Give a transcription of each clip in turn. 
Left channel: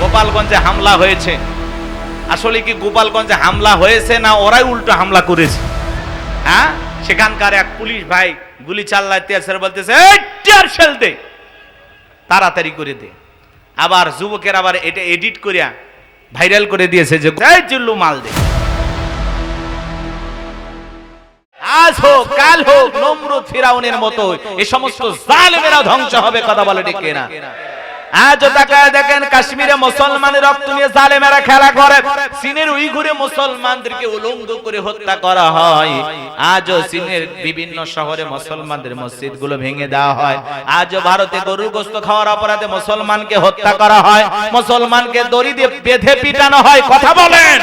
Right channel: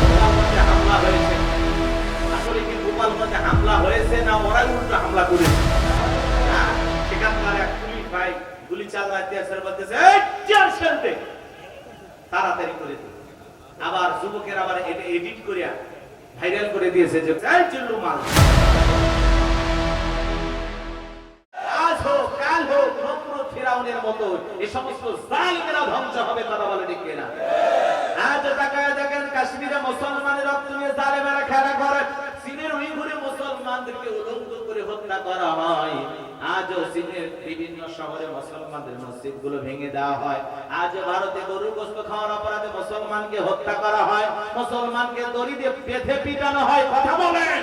গোপালগঞ্জে হামলা হয়েছে। আসলে কি গোপালগঞ্জে হামলা হয়েছে না ওরাই উল্টো হামলা করেছে? হ্যাঁ, সেখানকার এক পুলিশ ভাই গুলি চালাইতে বলতেছে দে, তাড়াতাড়ি করে দে। আবার যুবকের আবার এটা এডিট করিয়া ভাইরাল করে দিয়েছে যে জিল্লু মাল দে। আজ হোক কাল হোক নমরুদ ফিরাউনের মতো এই সমস্ত জালেমেরা ধ্বংস হবে। কথা বলে ঠিক কিনা? আজ তাকায় দেখেন কাশ্মীরে মুসলমানের রক্ত নিয়ে জালেমেরা খেলা করে। চীনের উইঘুরে মুসলমানদেরকে উলঙ্গ করে হত্যা করা হয়। আজও চীনের বিভিন্ন শহরে মুসলমানদের মসজিদগুলো ভেঙে দেওয়া হয়। আজও ভারতে গরুর গোশত খাওয়ার অপরাধে মুসলমানকে হত্যা করা হয়, মুসলমানকে দড়ি দিয়ে বেঁধে পিটানো হয়। কথা বলেন,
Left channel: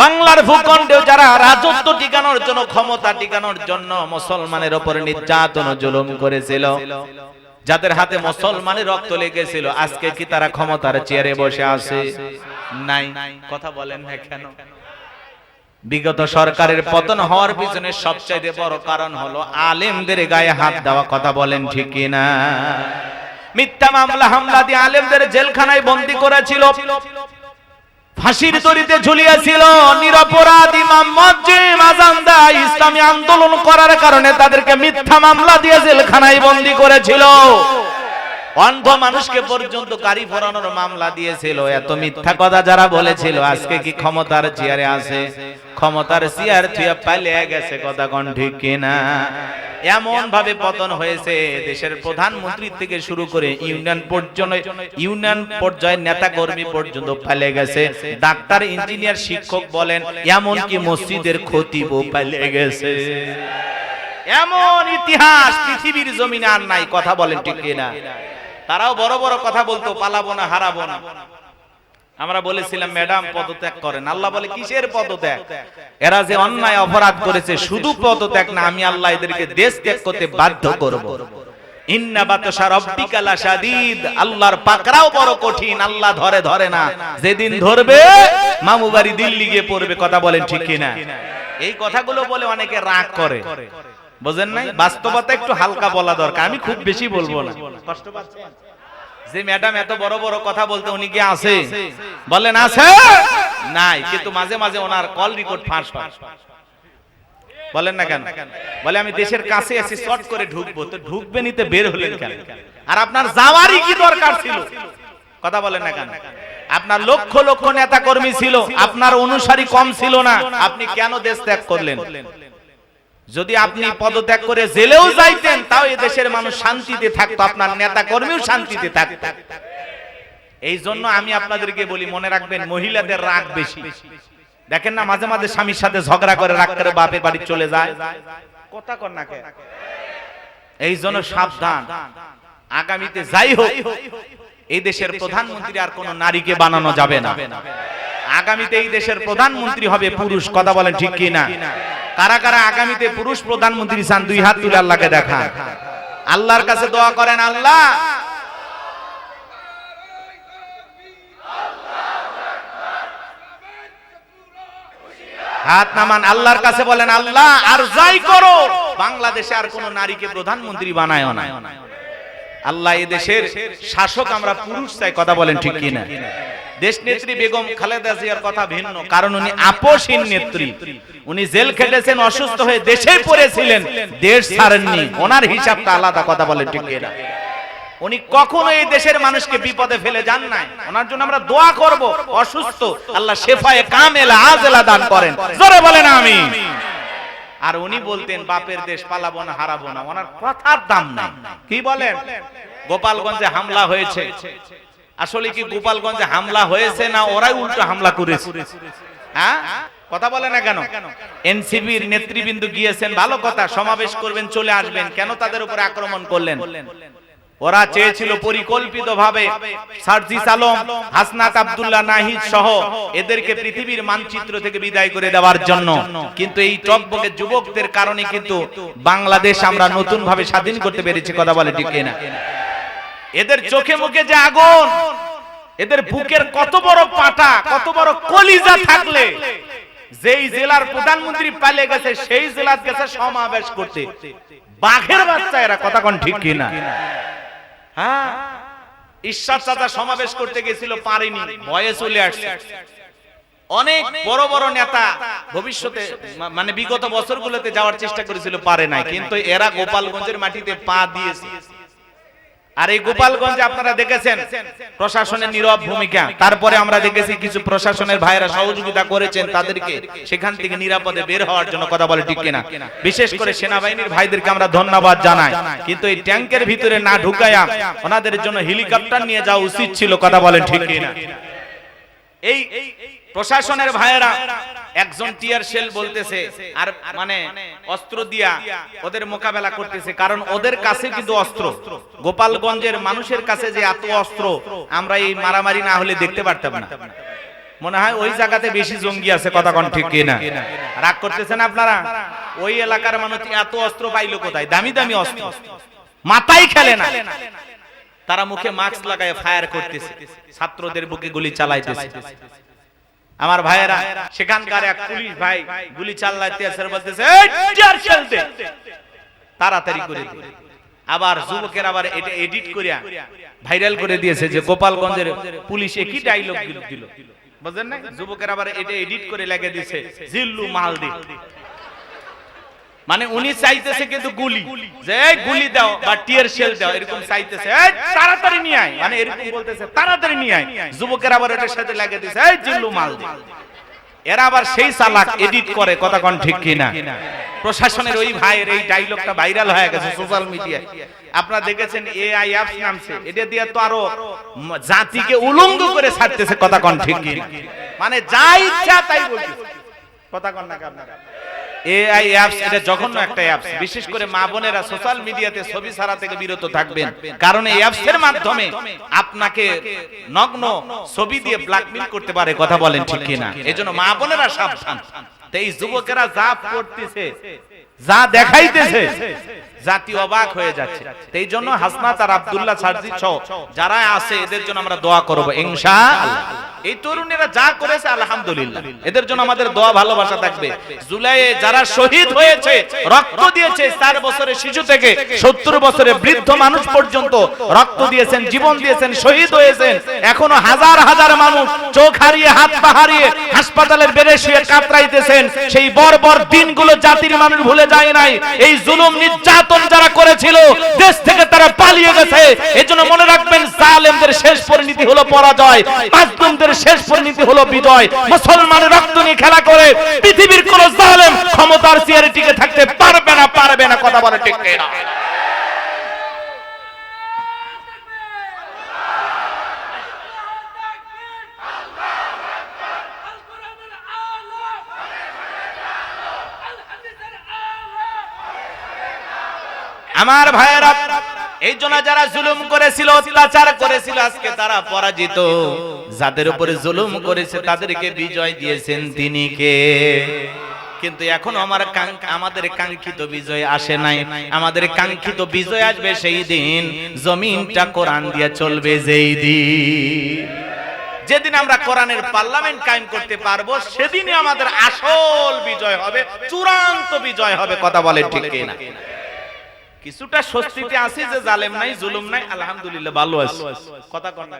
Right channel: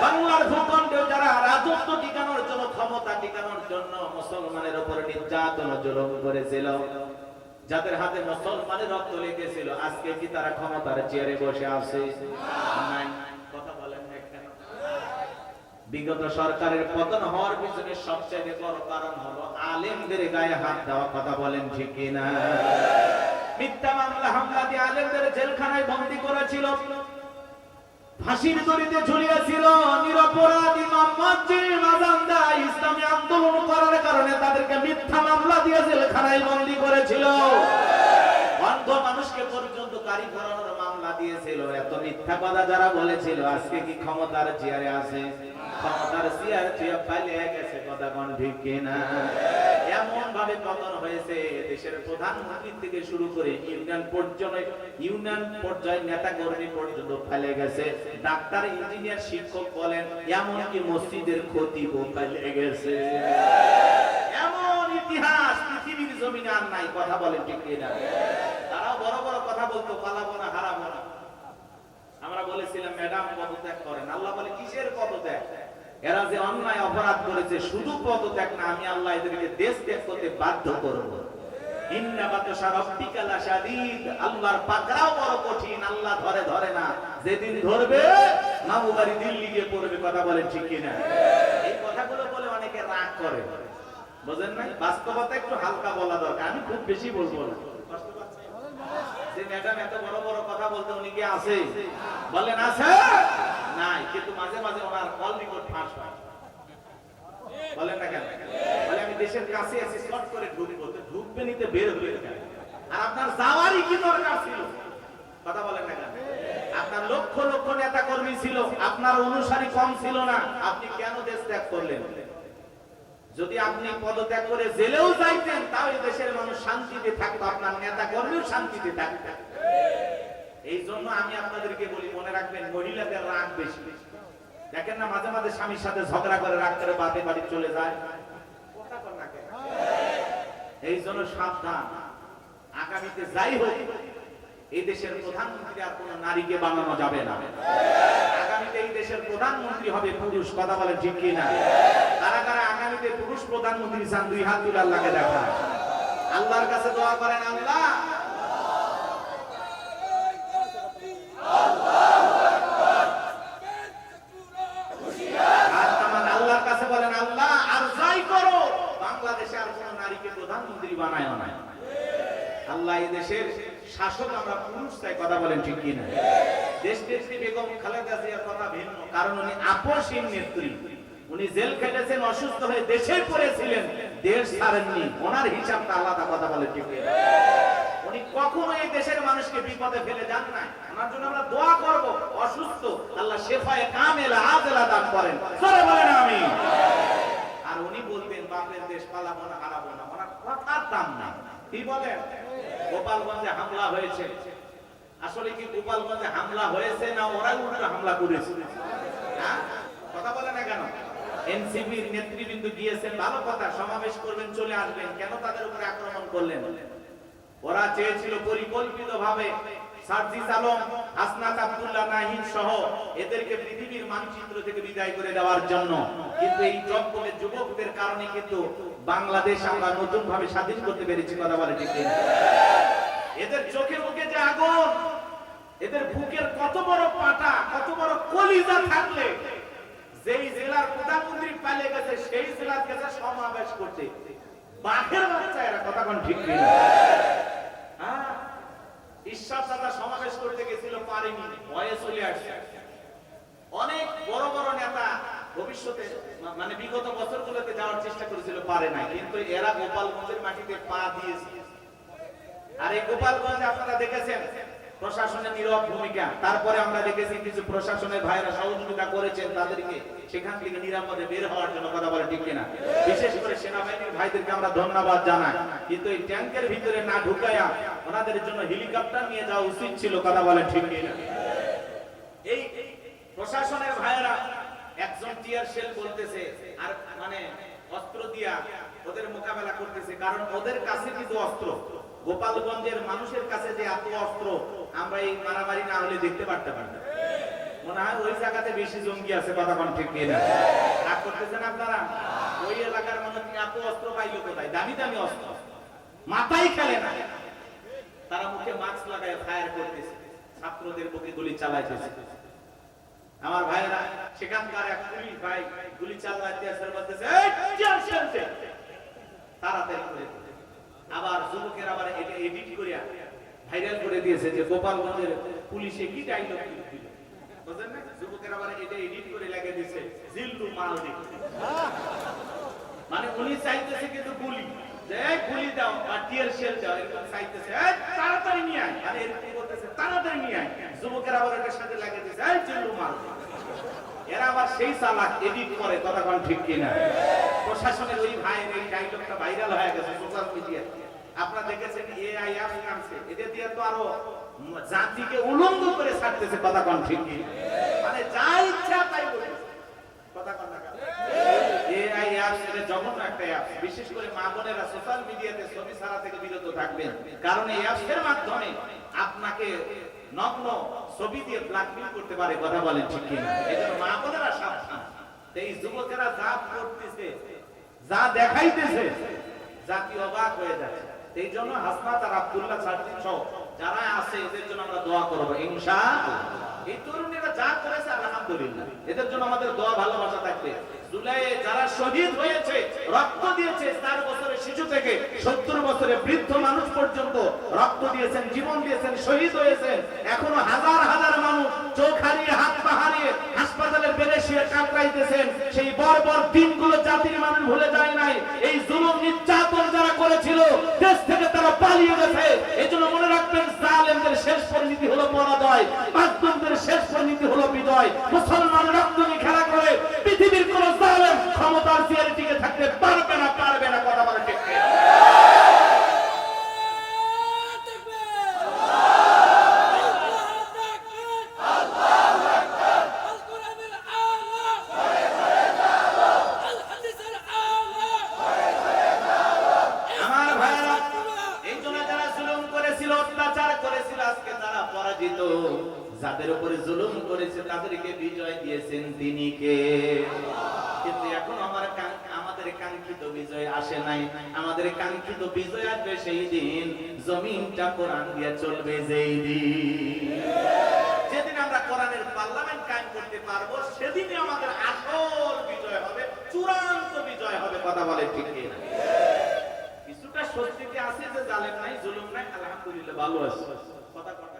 বাংলার ভূখণ্ডে যারা রাজত্ব টিকানোর জন্য, ক্ষমতা টিকানোর জন্য মুসলমানের উপর নির্যাতন ও জুলুম করেছিল, যাদের হাতে মুসলমানের রক্ত লেগেছিল, আজকে কি তারা ক্ষমতার চেয়ারে বসে আছে? নাই। কথা বলেন না কেন? বিগত সরকারের পতন হওয়ার পিছনে সবচেয়ে বড় কারণ হলো আলেমদের গায়ে হাত দেওয়া। কথা বলেন ঠিক কিনা? মিথ্যা মামলা হামলা দিয়ে আলেমদের জেলখানায় বন্দী করেছিল, ফাঁসির দড়িতে ঝুলিয়েছিল। নিরপরাধ ইমাম মুয়াজ্জিন আযান দেয় ইসলামী আন্দোলন করার কারণে তাদেরকে মিথ্যা মামলা দিয়ে জেলখানায় বন্দী করেছিল। অন্ধ মানুষকে পর্যন্ত গাড়ি পোড়ানোর মামলা দিয়েছিল। এত মিথ্যা কথা যারা বলেছিল, আজকে কি ক্ষমতার চেয়ারে আছে? ক্ষমতার চেয়ার থুয়ে পালিয়ে গেছে। কথা কোন ঠিক কিনা? এমন ভাবে পতন হয়েছে, দেশের প্রধানমন্ত্রী থেকে শুরু করে ইউনিয়ন পর্যায়ে নেতা কর্মী পর্যন্ত পালিয়ে গেছে। ডাক্তার, ইঞ্জিনিয়ার, শিক্ষক বলেন, এমনকি মসজিদের খতিবও পালিয়ে গেছে। এমন ইতিহাস পৃথিবীর জমিনে আর নাই। কথা বলেন ঠিক কিনা? তারাও বড় বড় কথা বলতো, পালাবো না, হারাবো না। আমরা বলেছিলাম ম্যাডাম পদত্যাগ করেন। আল্লাহ বলে কিসের পদত্যাগ? এরা যে অন্যায় অপরাধ করেছে, শুধু পদত্যাগ না, আমি আল্লাহ এদেরকে দেশ ত্যাগ করতে বাধ্য করব। ইন্না বাতশা রাব্বিকা লাশাদীদ, আল্লাহর পাকড়াও বড় কঠিন। আল্লাহ ধরে না, যেদিন ধরবে মামু বাড়ি দিল্লি গিয়ে পড়বে। কথা বলেন ঠিক কিনা? এই কথাগুলো বলে অনেকে রাগ করে, বুঝেন নাই? বাস্তবতা একটু হালকা বলা দরকার। আমি খুব বেশি বলবো না। কষ্ট পাচ্ছেন? যে ম্যাডাম এত বড় বড় কথা বলতে, উনি কি আছে? বলেন আছে? নাই। কিন্তু মাঝে মাঝে ওনার কল রেকর্ড ফাঁস হয়। বলেন না কেন? বলে আমি দেশের কাছে আছি, শর্ট করে ঢুকবো। তো ঢুকবে নিতে বের হলেন কেন? আর আপনার যাওয়ারই কি দরকার ছিল? কথা বলেন না কেন? আপনার লক্ষ লক্ষ নেতা কর্মী ছিল, আপনার অনুসারী কম ছিল না। আপনি কেন দেশ ত্যাগ করলেন? যদি আপনি পদত্যাগ করে জেলেও যাইতেন, তাও এই দেশের মানুষ শান্তিতে থাকতো, আপনার নেতা কর্মীও শান্তিতে থাকতো। এই জন্য আমি আপনাদেরকে বলি, মনে রাখবেন, মহিলাদের রাগ বেশি। দেখেন না, মাঝে মাঝে স্বামীর সাথে ঝগড়া করে, রাগ করে বাপের বাড়ি চলে যায়। কথা কর না কেন? এই জন্য সাবধান। আগামীতে যাই হোক, এই দেশের প্রধানমন্ত্রী আর কোন নারীকে বানানো যাবে না। আগামীতে এই দেশের প্রধানমন্ত্রী হবে পুরুষ। কথা বলেন ঠিক কিনা? কারা কারা আগামীতে পুরুষ প্রধানমন্ত্রী চান? দুই হাত তুলে আল্লাহকে দেখান। আল্লাহর কাছে দোয়া করেন, আল্লাহ হাত নামান, আল্লাহর কাছে বলেন, আল্লাহ আর যাই করো, বাংলাদেশে আর কোন নারীকে প্রধানমন্ত্রী বানায় না। আল্লাহ এই দেশের শাসক আমরা পুরুষ চাই। কথা বলেন ঠিক কিনা? দেশ নেত্রী বেগম খালেদা জিয়ার কথা ভিন্ন, কারণ উনি আপোষহীন নেত্রী। উনি জেল খেটেছেন, অসুস্থ হয়ে দেশেই পড়েছিলেন, দেশ ছাড়েননি। ওনার হিসাবটা আলাদা। কথা বলেন ঠিক কিনা? উনি কখনো এই দেশের মানুষকে বিপদে ফেলে যান নাই। ওনার জন্য আমরা দোয়া করব, অসুস্থ আল্লাহ শেফায়ে কামেলা আজেলা দান করেন। জোরে বলেন আমিন। আর উনি বলতেন, বাপের দেশ পালাবো না, হারাবো না। ওনার কথার দাম নাই। কি বলেন? গোপালগঞ্জে হামলা হয়েছে। আসলে কি গোপালগঞ্জে হামলা হয়েছে না ওরাই উল্টো হামলা করেছে? হ্যাঁ, কথা বলে না কেন? এনসিবির নেতৃবৃন্দ গিয়েছেন, ভালো কথা, সমাবেশ করবেন, চলে আসবেন। কেন তাদের উপরে আক্রমণ করলেন? ওরা চেয়েছিল পরিকল্পিতভাবে সার্জিস আলম, হাসনাত আব্দুল্লাহ নাহিদ সহ এদেরকে পৃথিবীর মানচিত্র থেকে বিদায় করে দেওয়ার জন্য। কিন্তু এই টকবকে যুবকদের কারণে কিন্তু বাংলাদেশ আমরা নতুন ভাবে স্বাধীন করতে পেরেছি। কথা বলে ঠিক কিনা? এদের চোখে মুখে যে আগুন, এদের বুকের কত বড় পাটা, কত বড় কলিজা থাকলে যেই জেলার প্রধানমন্ত্রী পালিয়ে গেছে, সেই জেলার কাছে সমাবেশ করতে বাঘের বাচ্চা এরা, কথা কোন ঠিক কিনা? হ্যাঁ, ঈশ্বর চাচা সমাবেশ করতে গেছিল, পারেনি, ভয়ে চলে আসছে। অনেক বড় বড় নেতা ভবিষ্যতে মানে বিগত বছরগুলোতে যাওয়ার চেষ্টা করেছিল, পারে নাই, কিন্তু এরা গোপালগঞ্জের মাটিতে পা দিয়েছে। আর এই গোপালগঞ্জে আপনারা দেখেছেন প্রশাসনের নীরব ভূমিকা, তারপরে আমরা দেখেছি কিছু প্রশাসনের ভাইরা সহযোগিতা করেছেন তাদেরকে সেখান থেকে নিরাপদে বের হওয়ার জন্য, কথা বলে ঠিক কিনা? বিশেষ করে সেনাবাহিনীর ভাইদেরকে আমরা ধন্যবাদ জানাই, কিন্তু এই ট্যাঙ্কের ভিতরে না ঢুকায়া ওনাদের জন্য হেলিকপ্টার নিয়ে যাওয়া উচিত ছিল, কথা বলে ঠিক কিনা? এই প্রশাসনের ভাইয়েরা একজন টিয়ার শেল বলতেছে আর মানে অস্ত্র দিয়া ওদের মোকাবেলা করতেছে, কারণ ওদের কাছে কিন্তু অস্ত্র, গোপালগঞ্জের মানুষের কাছে যে এত অস্ত্র আমরা এই মারামারি না হলে দেখতে পারতাম না। মনে হয় ওই জায়গাতে বেশি জঙ্গি আছে, কথা কোন ঠিক কিনা? রাগ করতেছেন আপনারা? ওই এলাকার মানুষ এত অস্ত্র পাইলো কোথায়? দামি দামি অস্ত্র, মাথায় খেলে না, তারা মুখে মাস্ক লাগায় ফায়ার করতেছে, ছাত্রদের বুকে গুলি চালাইতেছে। আমার ভাইয়েরা, সেখানকার এক পুলিশ ভাই গুলি চালাইতে এসে বলতেছে এই টিয়ার শেল দে, তাড়াতাড়ি করে দে। আবার যুবকের আবার এটা এডিট করিয়া ভাইরাল করে দিয়েছে যে গোপালগঞ্জের পুলিশ একই ডায়লগ দিল, বুঝেন না? যুবকের আবার এটা এডিট করে লাগিয়ে দিয়েছে জিল্লু মালদি, মানে উনি চাইতেছে কিন্তু গুলি, যে গুলি দাও বা টিয়ার শেল দাও, এরকম চাইতেছে, এই তাড়াতাড়ি নিয়ে আয়, মানে এরকম বলতেছে তাড়াতাড়ি নিয়ে আয়। যুবকের আবার এটার সাথে লাগিয়ে দিয়েছে এই জিল্লু মালদি। এরা আবার সেই চালাক, এডিট করে, কথা কোন ঠিক কিনা? প্রশাসনের ওই ভাইয়ের এই ডায়লগটা ভাইরাল হয়ে গেছে সোশ্যাল মিডিয়ায়, আপনারা দেখেছেন। এআই অ্যাপস নামছে, এটা দিয়ে তো আরো জাতিকে উলঙ্গ করে ছাড়তেছে, কথা কোন ঠিক কিনা? মানে যা ইচ্ছা তাই বলতেছে, কথা কোন না আপনারা? এআই অ্যাপস এটা জঘন্য একটা অ্যাপস। বিশেষ করে মা বোনেরা সোশ্যাল মিডিয়াতে ছবি ছাড়া থেকে বিরত থাকবেন, কারণ এই অ্যাপসের মাধ্যমে আপনাকে নগ্ন ছবি দিয়ে ব্ল্যাকমেল করতে পারে, কথা বলেন ঠিক কিনা? এজন্য মা বোনেরা সাবধান। তো এই যুবকেরা যা করতেছে, যা দেখাইতেছে, জাতি অবাক হয়ে যাচ্ছে। এই জন্য হাসনাত আর আব্দুল্লাহ সারজি সহ যারা আছে এদের জন্য আমরা দোয়া করব ইনশাআল্লাহ। এই তরুণীরা যা করেছে আলহামদুলিল্লাহ, এদের জন্য আমাদের দোয়া ভালোবাসা থাকবে। জুলাইয়ে যারা শহীদ হয়েছে, রক্ত দিয়েছে, 4 বছরের শিশু থেকে 70 বছরের বৃদ্ধ মানুষ পর্যন্ত রক্ত দিয়েছেন, জীবন দিয়েছেন, শহীদ হয়েছেন। এখনো হাজার হাজার মানুষ চোখ হারিয়ে, হাত পা হারিয়ে হাসপাতালের বেডে শুয়ে কাতরাইতেছেন। সেই বর্বর দিনগুলো জাতির মানুষ ভুলে যায় নাই। এই জুলুম নির্যাতন যারা করেছিল, দেশ থেকে তারা পালিয়ে গেছে। এজন্য মনে রাখবেন, জালেমদের শেষ পরিণতি হলো পরাজয়, মাজলুমদের শেষ পরিণতি হলো বিজয়। মুসলমানের রক্ত নিয়ে খেলা করে পৃথিবীর কোন জালেম ক্ষমতার চেয়ারে টিকে থাকতে পারবে না, পারবে না, কথা বলে ঠিক কিনা? আমার ভাইয়েরা, এই জন্য যারা জুলুম করেছিল, অত্যাচার করেছিল, আজকে তারা পরাজিত। যাদের উপরে জুলুম করেছে তাদেরকে বিজয় দিয়েছেন তিনি কে? কিন্তু এখন আমাদের কাঙ্ক্ষিত বিজয় আসে নাই। আমাদের কাঙ্ক্ষিত বিজয় আসবে সেই দিন, জমিনটা কোরআন দিয়ে চলবে যেই দিন, যেদিন আমরা কোরআনের পার্লামেন্ট কায়েম করতে পারবো, সেদিনই আমাদের আসল বিজয় হবে, চূড়ান্ত বিজয় হবে, কথা বলেন ঠিক কিনা? কিছুটা স্বস্তিতে আছি যে জালেম নাই, জুলুম নাই, আলহামদুলিল্লাহ ভালো আছি, কথা কন না।